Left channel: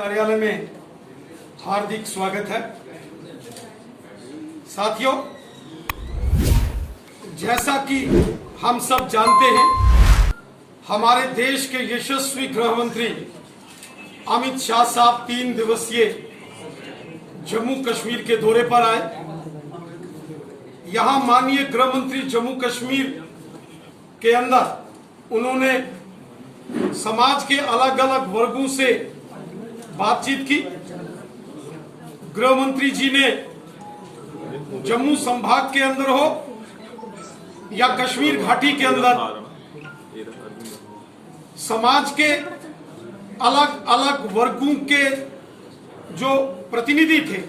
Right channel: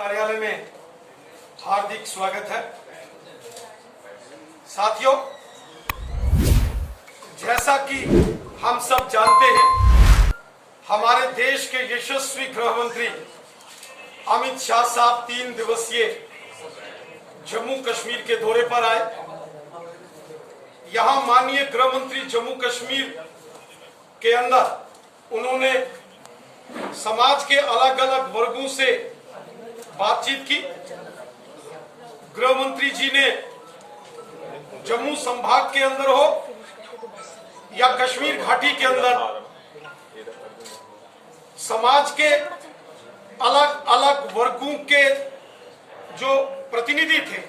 कार्यालय में हार्दिक स्वागत है। साथियों, जैसा कि हम सब जानते हैं, हमारे देश के यशस्वी गृह मंत्री अमित शाह साहब 3 दिवसीय जम्मू कश्मीर के दौरे पर आए। यहां माननीय गृह मंत्री जम्मू कश्मीर के अंदर उन्होंने समाज के अलग अलग वर्गों से बातचीत की। गृह मंत्री जी ने जम्मू संभाग के अंदर हो या कश्मीर घाटी के अंदर समाज के अलग अलग वर्गों के जो प्रतिनिधि थे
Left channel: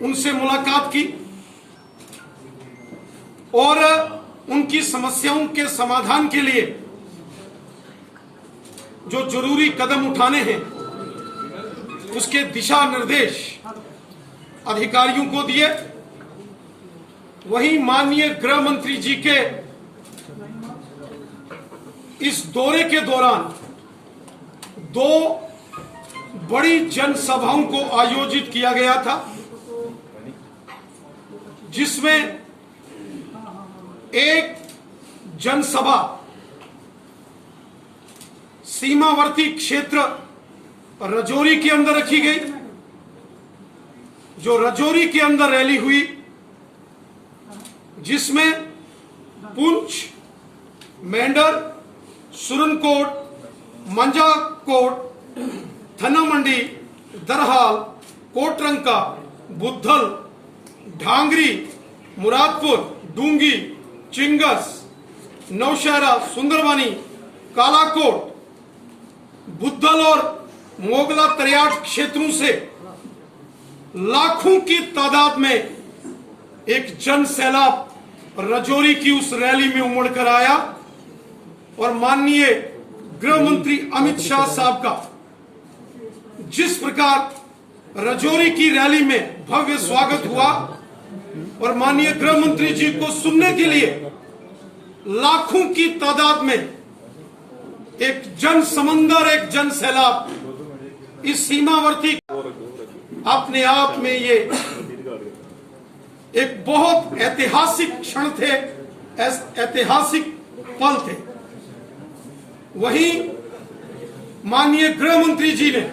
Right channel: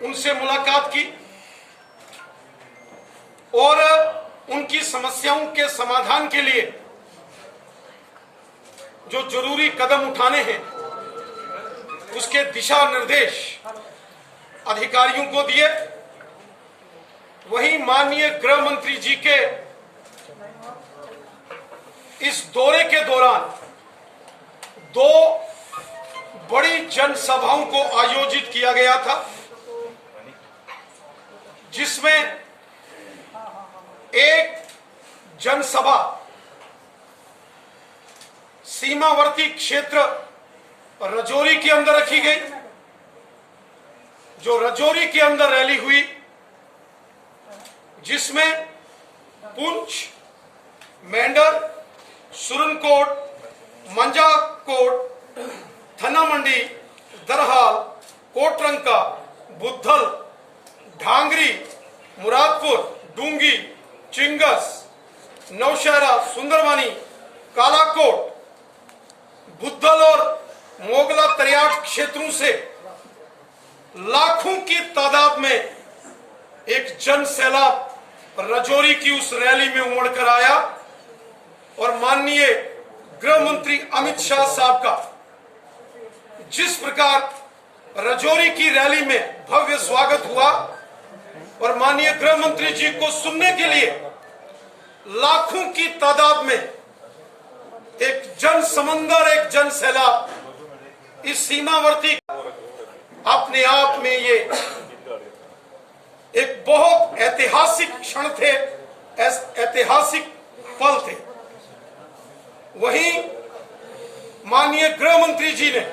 उनसे मुलाकात की और उनकी समस्याओं के समाधान के लिए जो जरूरी कदम उठाने हैं उसके दिशा निर्देश अधिकारियों को दिए। वहीं माननीय गृह मंत्री जी के इस दौरे के दौरान 2 बड़ी जनसभाओं को आयोजित किया गया था, जिसमें एक जनसभा सीमावर्ती क्षेत्र राजौरी के अंदर रखी गई। जो राजौरी के अंदर रैली हुई, जिसमें पुंछ, मेंढर, सुरनकोट, मंजाकोट, थन्ना मंडी, दरहाल, कोटरंका, बुद्धल, ढांगरी, मुरादपुर, डूंगी, चिंगस, नौशहरा, सुंदरवानी, कालाकोट, बुद्धल और मोगला तरियाट क्षेत्रों से लाखों की तादाद में एक जन सैलाब राजौरी की उस रैली में उमड़ कर आया और माननीय गृह मंत्री अमित शाह साहब का जिस प्रकार राजौरी की रैली में भव्य स्वागत हुआ और माननीय गृह मंत्री जी को सुनने के लिए लाखों की तादाद में एक जन समंदर, एक जन सैलाब इस सीमावर्ती, अपने आप में ये एक बहुत ऐतिहासिक क्षण थे, ऐतिहासिक पल थे। वहीं माननीय गृह मंत्री जी ने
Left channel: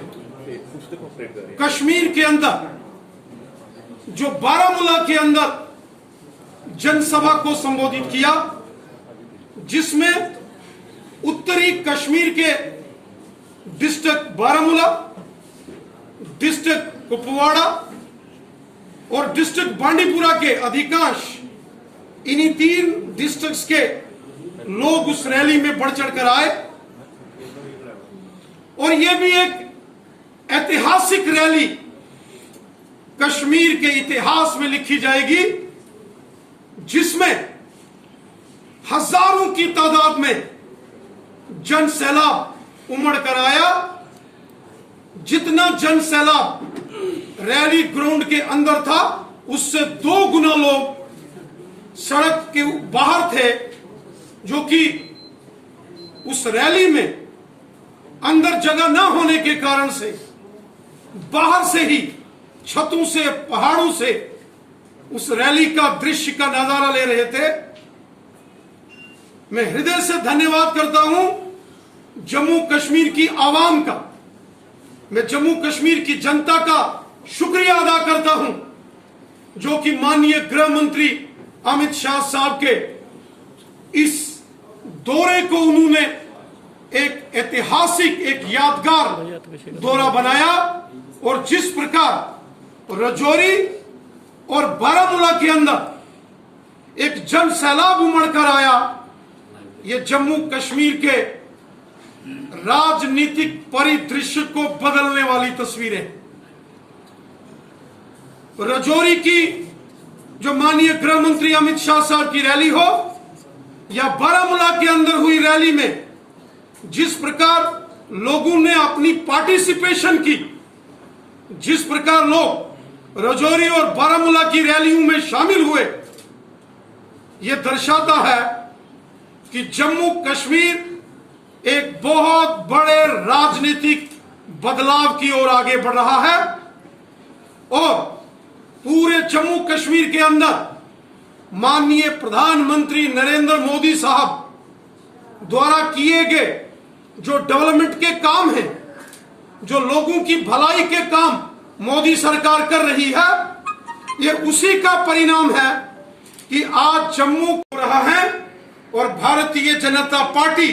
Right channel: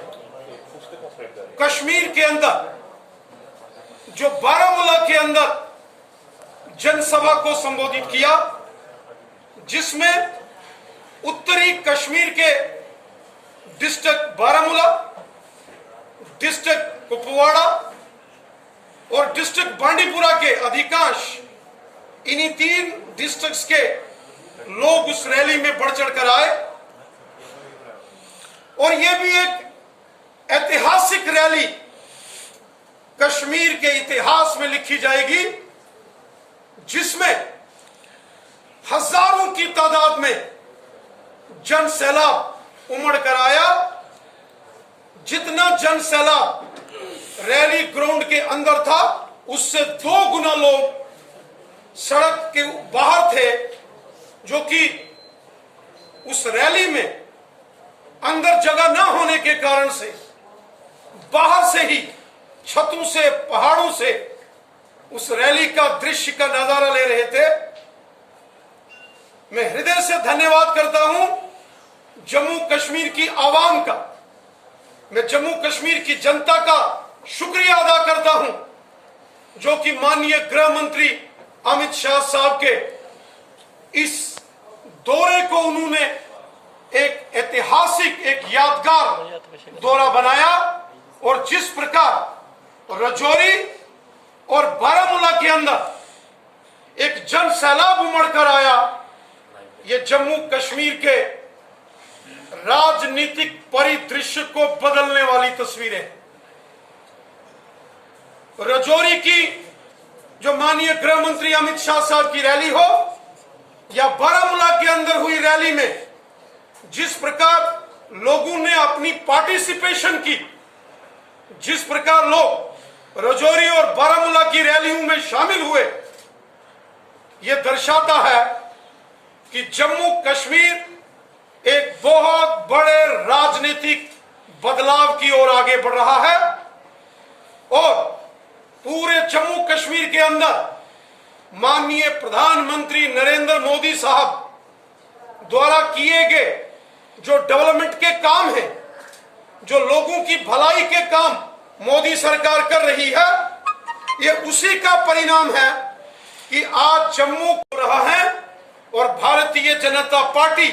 कश्मीर के अंदर जो बारामूला के अंदर जनसभा को संबोधित किया, जिसमें उत्तरी कश्मीर के डिस्ट्रिक्ट बारामूला, डिस्ट्रिक्ट कुपवाड़ा और डिस्ट्रिक्ट बांडीपुरा के अधिकांश इन्हीं 3 डिस्ट्रिक्ट्स के लोग उस रैली में बढ़ चढ़कर आए और यह भी एक ऐतिहासिक रैली कश्मीर के इतिहास में लिखी जाएगी, जिसमें हजारों की तादाद में जन सैलाब उमड़ कर आया। जितना जन सैलाब रैली ग्राउंड के अंदर था, उससे 2 गुना लोग सड़क के बाहर थे, जो कि उस रैली में अंदर जगह न होने के कारण से बाहर से ही छतों से, पहाड़ों से उस रैली का दृश्य का नजारा ले रहे थे। मैं हृदय से धन्यवाद करता हूं जम्मू कश्मीर की आवाम का, मैं जम्मू कश्मीर की जनता का शुक्रिया अदा करता हूं, जो कि माननीय गृह मंत्री अमित शाह साहब के इस दौरे को उन्होंने एक ऐतिहासिक, एक यादगार दौरा बनाया और जिस प्रकार राजौरी और बारामूला के अंदर एक जन सैलाब उमड़ कर आया, ये जम्मू कश्मीर के राजनीतिक परिदृश्य को बदलने वाली तस्वीरें। राजौरी की जो माननीय गृह मंत्री अमित शाह साहब की रैली हो या बारामूला के अंदर हुई रैली में जिस प्रकार लोगों ने अपनी पार्टिसिपेशन की, जिस प्रकार लोग राजौरी और बारामूला की रैलियों में शामिल हुए, यह दर्शाता है कि जम्मू कश्मीर एक बहुत बड़े राजनीतिक बदलाव की ओर आगे बढ़ रहा है और पूरे जम्मू कश्मीर के अंदर माननीय प्रधानमंत्री नरेंद्र मोदी साहब द्वारा किए गए जो डेवलपमेंट के काम हैं, जो लोगों की भलाई के काम मोदी सरकार कर रही है, ये उसी का परिणाम है कि आज जम्मू हो रहा है और भारतीय जनता पार्टी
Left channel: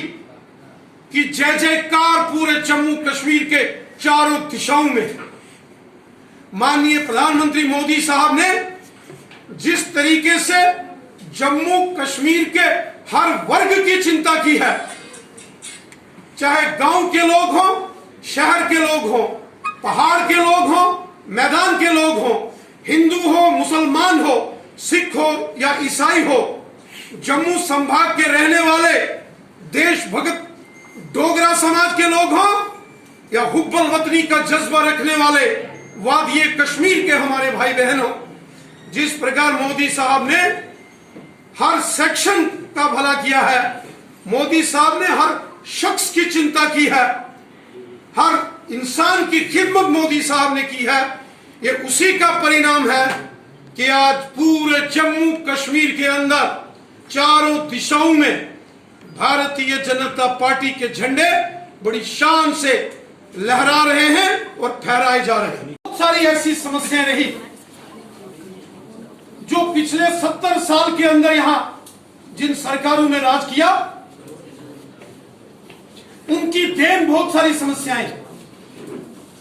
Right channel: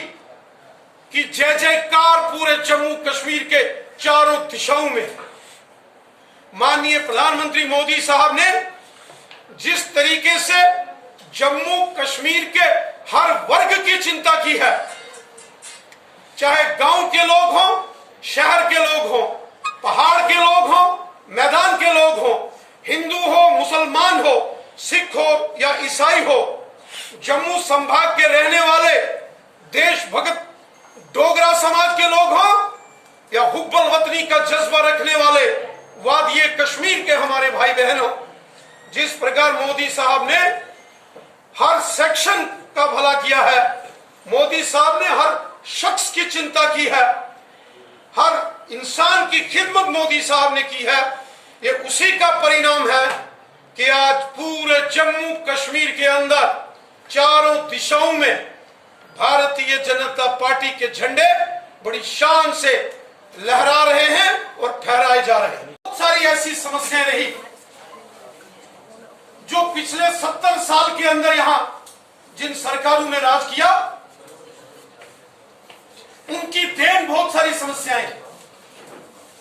की जय जयकार पूरे जम्मू कश्मीर के चारों दिशाओं में। माननीय प्रधानमंत्री मोदी साहब ने जिस तरीके से जम्मू कश्मीर के हर वर्ग की चिंता की है, चाहे गांव के लोग हों, शहर के लोग हों, पहाड़ के लोग हों, मैदान के लोग हों, हिंदू हो, मुसलमान हो, सिख हो या ईसाई हो, जम्मू संभाग के रहने वाले देशभक्त डोगरा समाज के लोग हों या हुब्बल वतनी का जज्बा रखने वाले वादिये कश्मीर के हमारे भाई बहन हो, जिस प्रकार मोदी साहब ने हर सेक्शन का भला किया है, मोदी साहब ने हर शख्स की चिंता की है, हर इंसान की खिदमत मोदी साहब ने की है, ये उसी का परिणाम है कि आज पूरे जम्मू कश्मीर के अंदर चारों दिशाओं में भारतीय जनता पार्टी के झंडे बड़ी शान से लहरा रहे हैं और फहराए जा रहे हैं। बहुत सारी ऐसी समस्याएं रही जो पिछले 70 साल के अंदर यहां जिन सरकारों ने राज किया, उनकी देन बहुत सारी समस्याएं,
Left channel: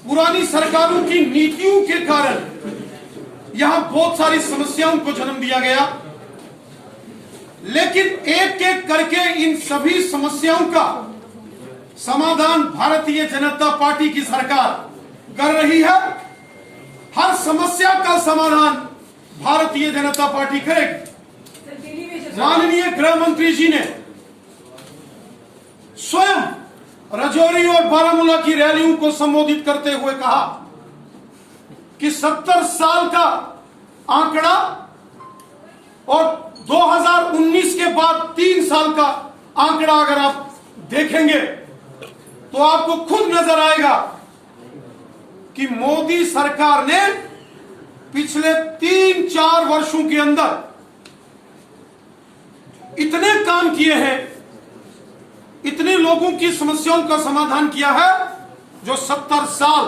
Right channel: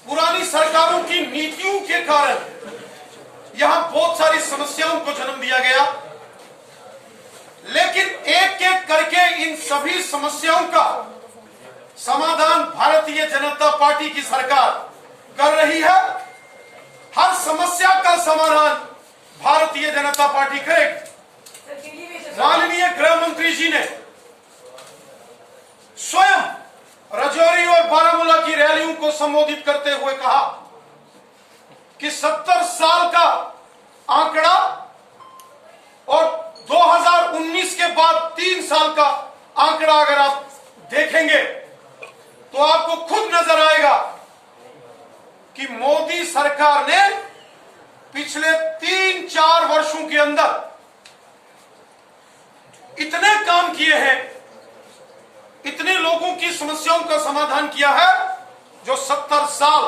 पुरानी सरकारों की नीतियों के कारण यहां बहुत सारी समस्याओं को जन्म दिया गया। लेकिन एक एक करके इन सभी समस्याओं का समाधान भारतीय जनता पार्टी की सरकार कर रही है। हर समस्या का समाधान भारतीय जनता पार्टी करेगी। माननीय गृह मंत्री जी ने स्वयं राजौरी और बारामूला की रैलियों को संबोधित करते हुए कहा कि 70 साल का आंकड़ा और 2019 के बाद 3 साल का आंकड़ा अगर आप देखेंगे तो आपको खुद नजर आएगा कि मोदी सरकार ने पिछले 3-4 वर्षों के अंदर इतने काम किए हैं, इतने लोगों की समस्याओं का समाधान किया है जो 70 साल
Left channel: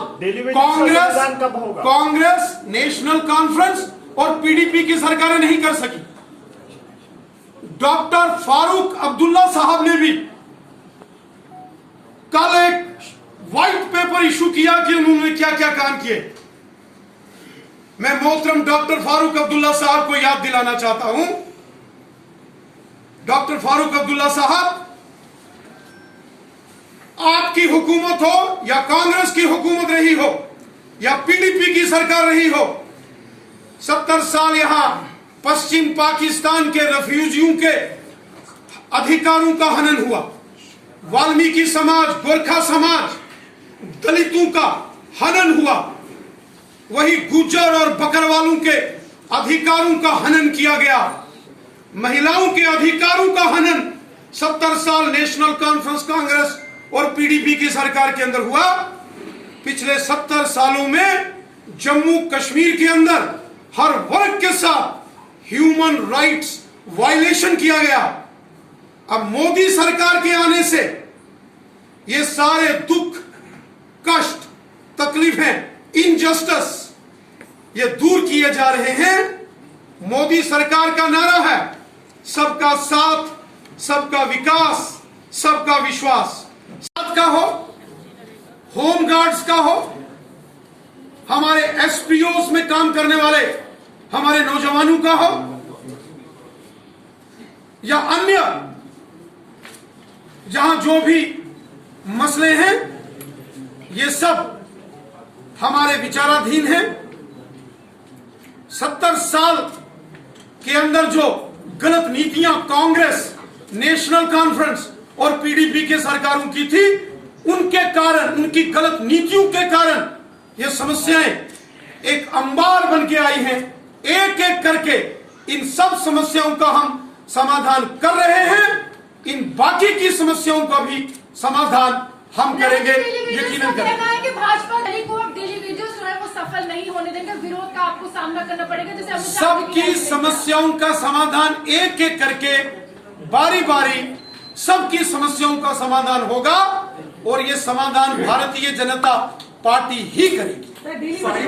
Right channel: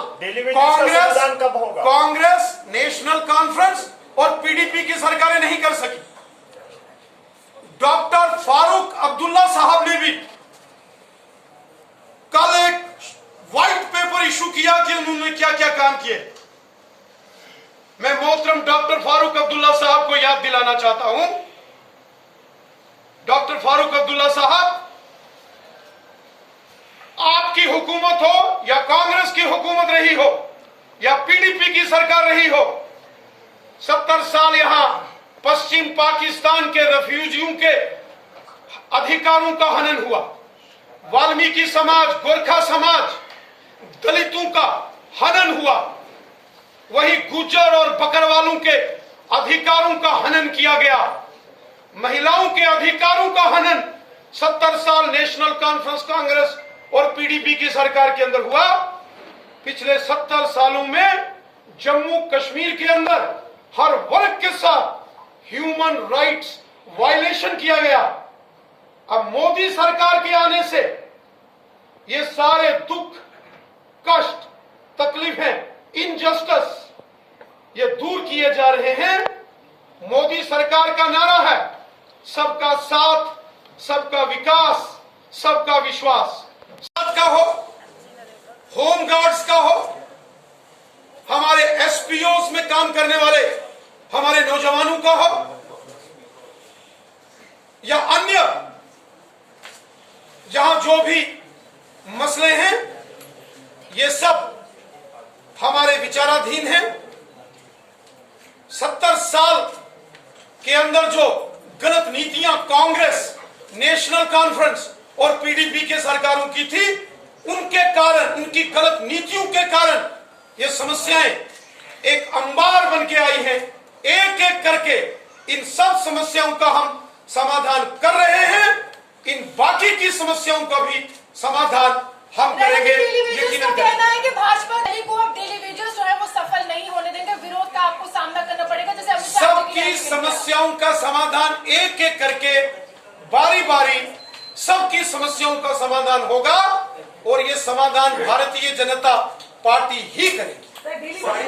कांग्रेस, नेशनल कॉन्फ्रेंस और पीडीपी की सरकारें नहीं कर सकी। डॉक्टर फारूक अब्दुल्ला साहब ने भी कल एक व्हाइट पेपर इशू किया कि उन्होंने क्या क्या काम किए। मैं मोहतरम डॉक्टर फारूक अब्दुल्ला साहब को याद दिलाना चाहता हूं। डॉक्टर फारूक अब्दुल्ला साहब, आपकी हुकूमत हो या कांग्रेस की हुकूमत रही हो या पीडीपी की सरकार रही हो, 70 साल यहां पश्चिम पाकिस्तान के रेफ्यूजियों के अधिकारों का हनन हुआ। वाल्मीकि समाज, गोरखा समाज, दलितों का हनन हुआ। वही गुज्जर और बकरवालों के अधिकारों का हनन किया गया। महिलाओं के अधिकारों का हनन 70 साल नेशनल कॉन्फ्रेंस, कांग्रेस और पीडीपी की सरकार के अंदर हुआ। पिछले 70 सालों में जम्मू कश्मीर के अंदर हर वर्ग के साथ ह्यूमन राइट्स वायलेशन किया गया। अब मोदी सरकार के आने से ये सारे दुख, कष्ट, तकलीफें, इनजस्टिस ये दूर किए जा रहे हैं। मोदी सरकार का नारा है सबका साथ, सबका विकास, सबका विश्वास। साथ का हो, होम गार्ड्स का हो, हमारे एसपीओस में काम करने वाले हमारे नौजवानों का हो या अन्य जहां जो भी मसले हैं, ये सब हमारे विचाराधीन हैं। 70 साल के अंदर जो गलत नीतियां कांग्रेस, नेशनल कॉन्फ्रेंस और पीडीपी के सरकारों की थी, उनके कारण, उनकी गलत नीतियों के कारण ये समस्याएं एक अंबार बन के आई हैं। एक एक करके इन सब समस्याओं का हम समाधान कर रहे हैं। इन बाकी की समस्याओं का भी समाधान हम करेंगे, यकीनन करेंगे। देंगे, विरोध का आपको सामना करना पड़ेगा। जैसे अमित शाह जी की सबकी समस्याओं का समाधान एक एक करके बारी बारी सबकी समस्याओं का समाधान होगा और ये समाधान भारतीय जनता पार्टी ही करेगी।